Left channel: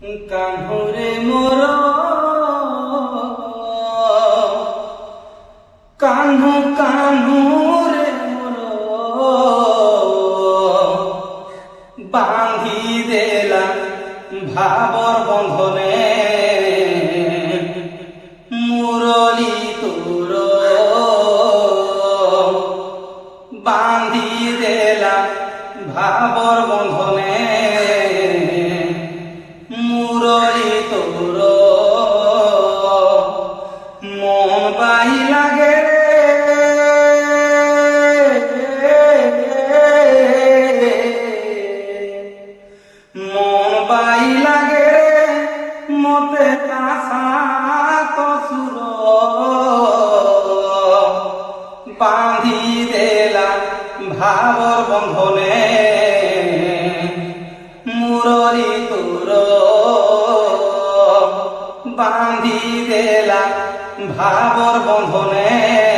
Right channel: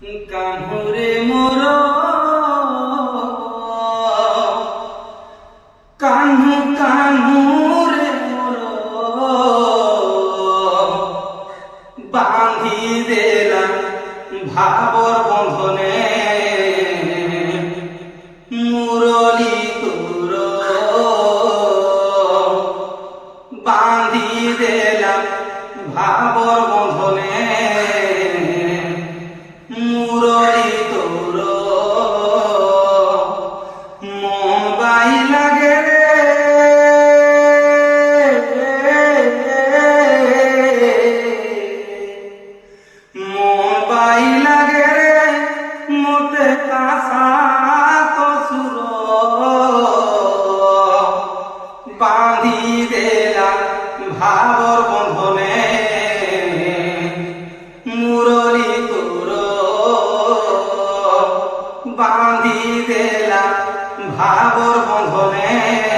কানুরে মোর কানু কানুরে মোর বাঁধি দেলা ভাবর বন্ধনে মুরলি তোর বাঁধি দেলা ভাবর বন্ধনে মুরলি তোর মন বাই লাগে মন বাই লাগে রে মতে আশা কসুর বাঁধি দেলা ভাবর বন্ধনে মুরলি তোর বাঁধি দেলা ভাবর বন্ধনে।